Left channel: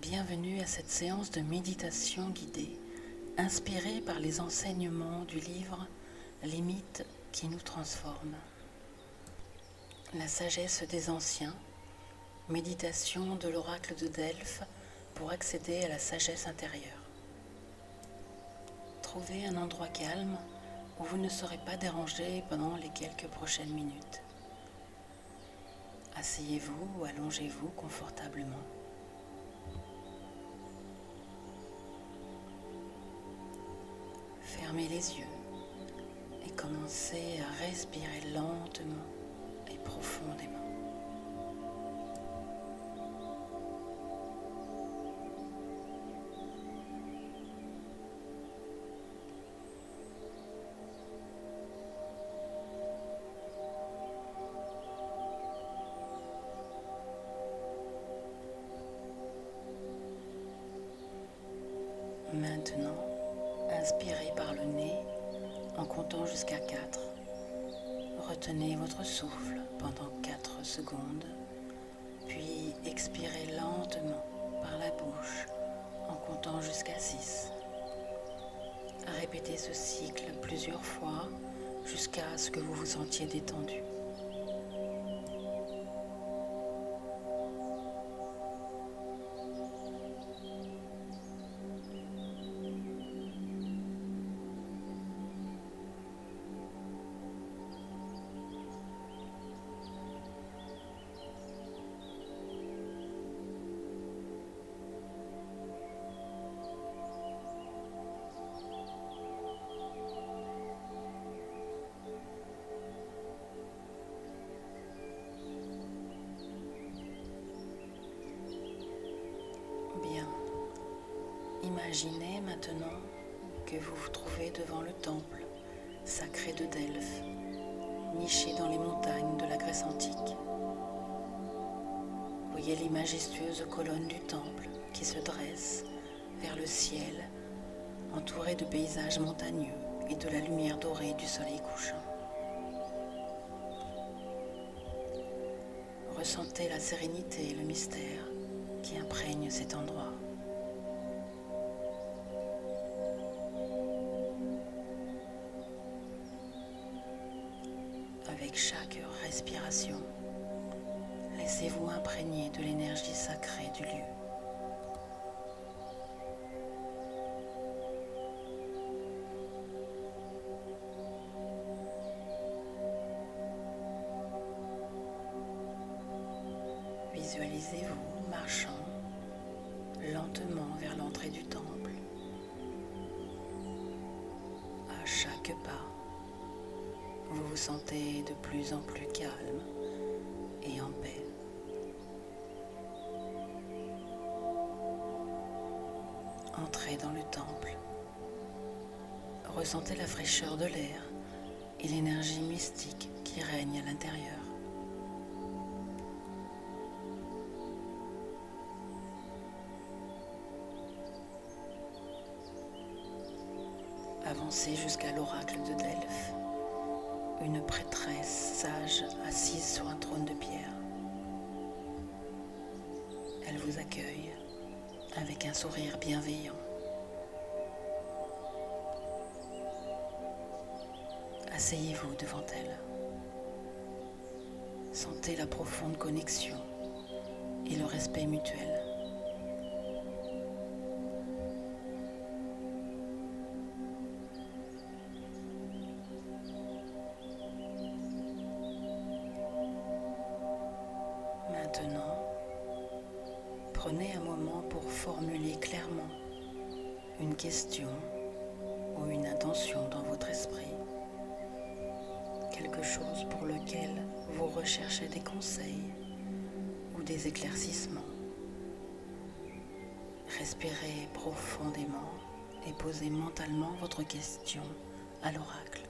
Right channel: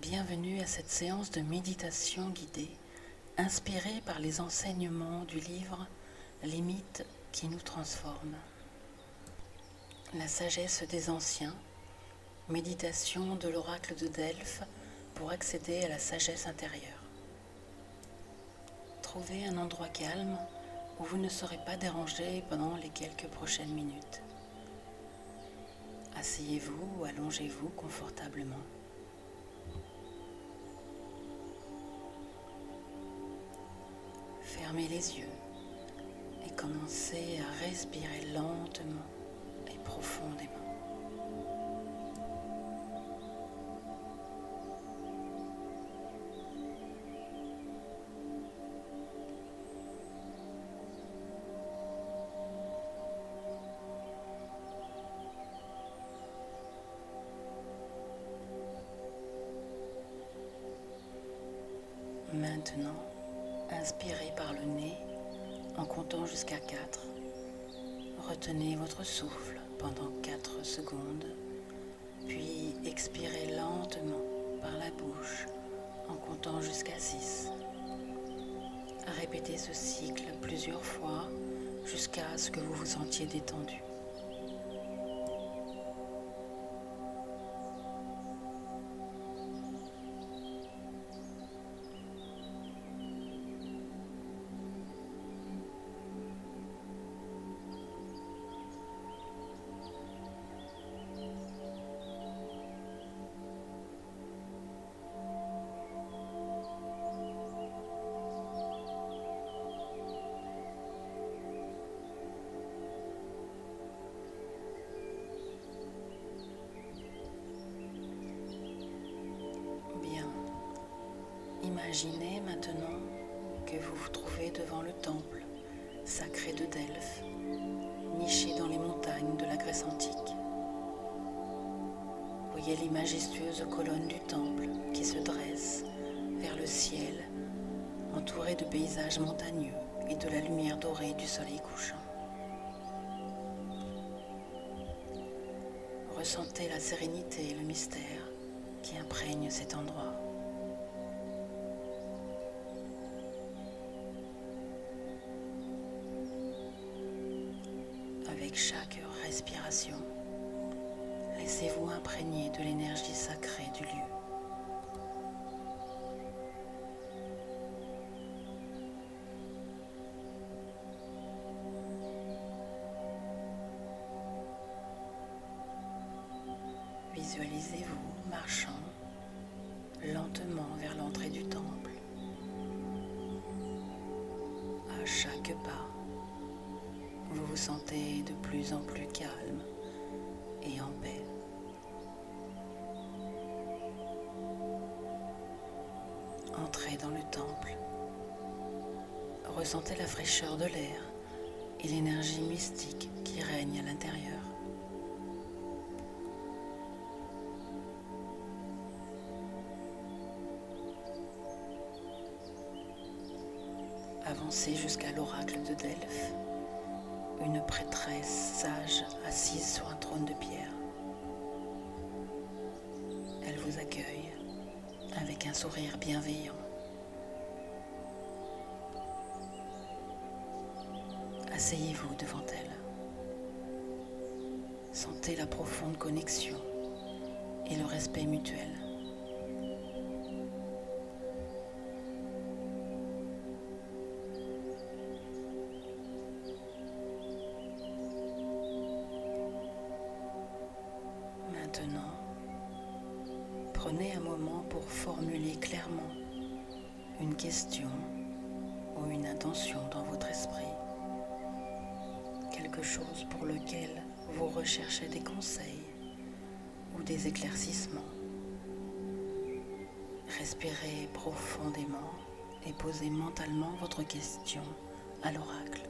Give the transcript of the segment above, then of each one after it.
Bienvenue à cette séance de méditation guidée, inspirée par les enseignements du livre Les mythes qui nous transforment. La sagesse des anciens, méditation de l'oracle de Delphes pour accéder à la sagesse intérieure. Trouvez un endroit calme où vous ne serez pas dérangé pendant les quelques prochaines minutes. Asseyez-vous ou allongez-vous confortablement. Fermez les yeux et commencez à respirer lentement et profondément. Maintenant, inspirez par le nez en comptant jusqu'à 4. Retenez votre souffle pendant 4 secondes, puis expirez lentement par la bouche en comptant jusqu'à 6. Répétez ce cycle plusieurs fois jusqu'à ce que vous vous sentiez détendu. Bien. Imaginez maintenant que vous vous trouvez devant le temple sacré de Delphes, niché dans les montagnes de la Grèce antique. Voyez les majestueuses colonnes du temple qui se dressent vers le ciel, entourées de paysages montagneux et de la lumière dorée du soleil couchant. Ressentez la sérénité et le mystère qui imprègnent cet endroit. Avec chaque respiration, laissez-vous imprégner de l'énergie sacrée du lieu. Visualisez-vous marchant lentement vers l'entrée du temple. À chaque pas, vous vous sentez de plus en plus calme et en paix. Entrez dans le temple. Ressentez la fraîcheur de l'air et l'énergie mystique qui règne à l'intérieur. Avancez jusqu'à l'oracle de Delphes, une prêtresse sage assise sur un trône de pierre. Elle vous accueille avec un sourire bienveillant. Asseyez-vous devant elle. Sentez la profonde connexion et le respect mutuel. Maintenant, prenez un moment pour formuler clairement une question ou une intention dans votre esprit. Quelque chose pour lequel vous recherchez des conseils ou des éclaircissements. Respirez profondément et posez mentalement votre question à l'oracle.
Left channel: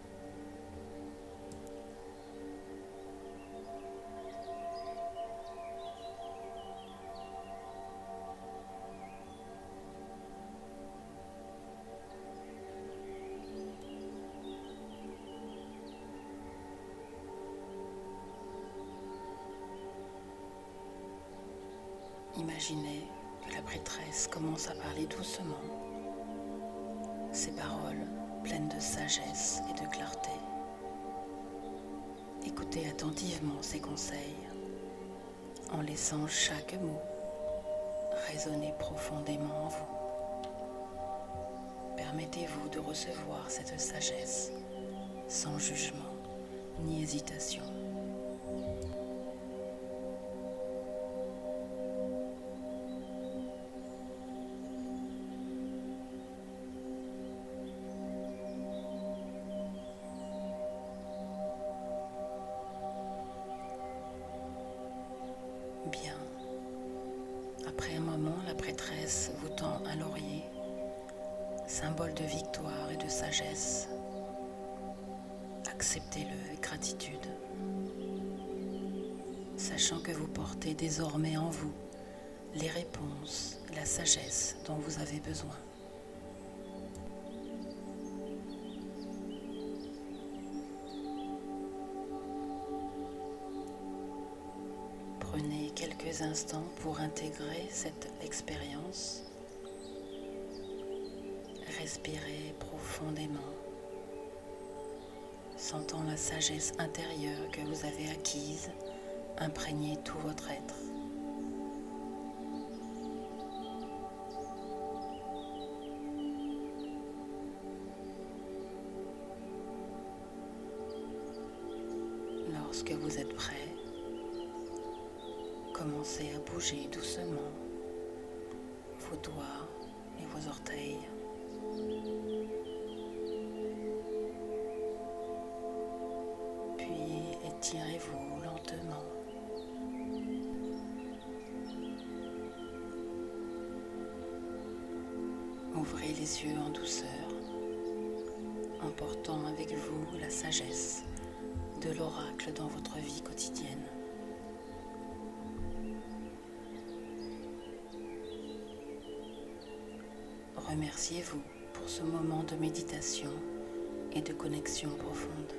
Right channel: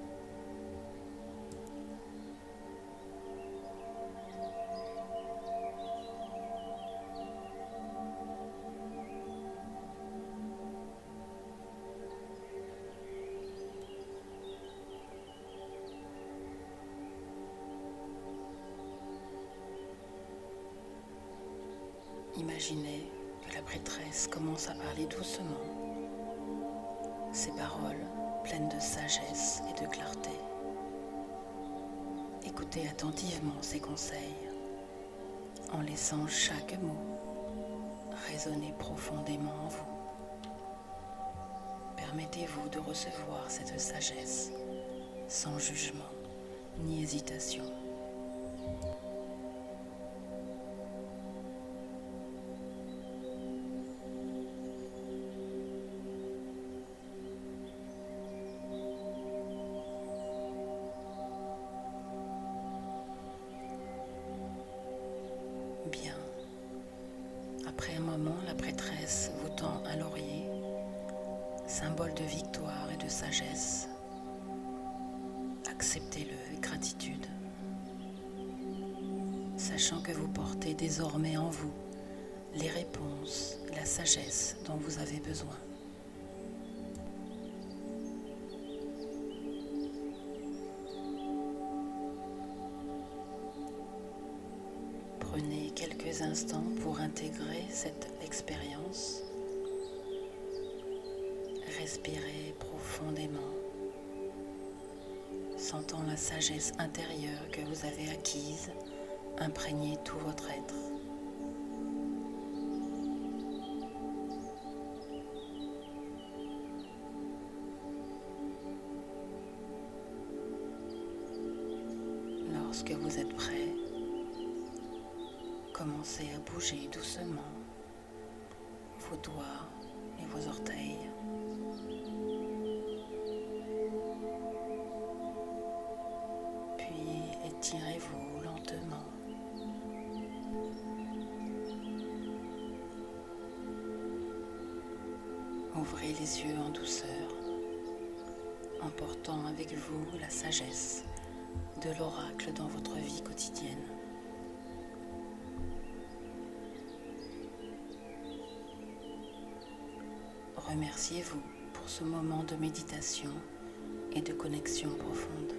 Imaginez que que la prêtresse commence à parler doucement, ces paroles pleines de sagesse et de clarté. Écoutez attentivement ces conseils en laissant chaque mot résonner profondément en vous. Permettez-vous de recevoir cette sagesse sans jugement ni hésitation. Bien. Après un moment, la prêtresse vous tend un laurier, symbole de victoire et de sagesse. Acceptez-le avec gratitude, sachant que vous portez désormais en vous les réponses, la sagesse dont vous avez besoin. Prenez quelques instants pour intégrer cette expérience. Respirez profondément, sentant la sagesse intérieure que vous avez acquise imprégner tout votre être. Lorsque vous êtes prêt, commencez à bouger doucement vos doigts et vos orteils. Puis étirez-vous lentement. Ouvrez les yeux en douceur, emportant avec vous la sagesse de l'oracle dans votre vie quotidienne. Remerciez-vous pour ce moment de méditation et de connexion profonde.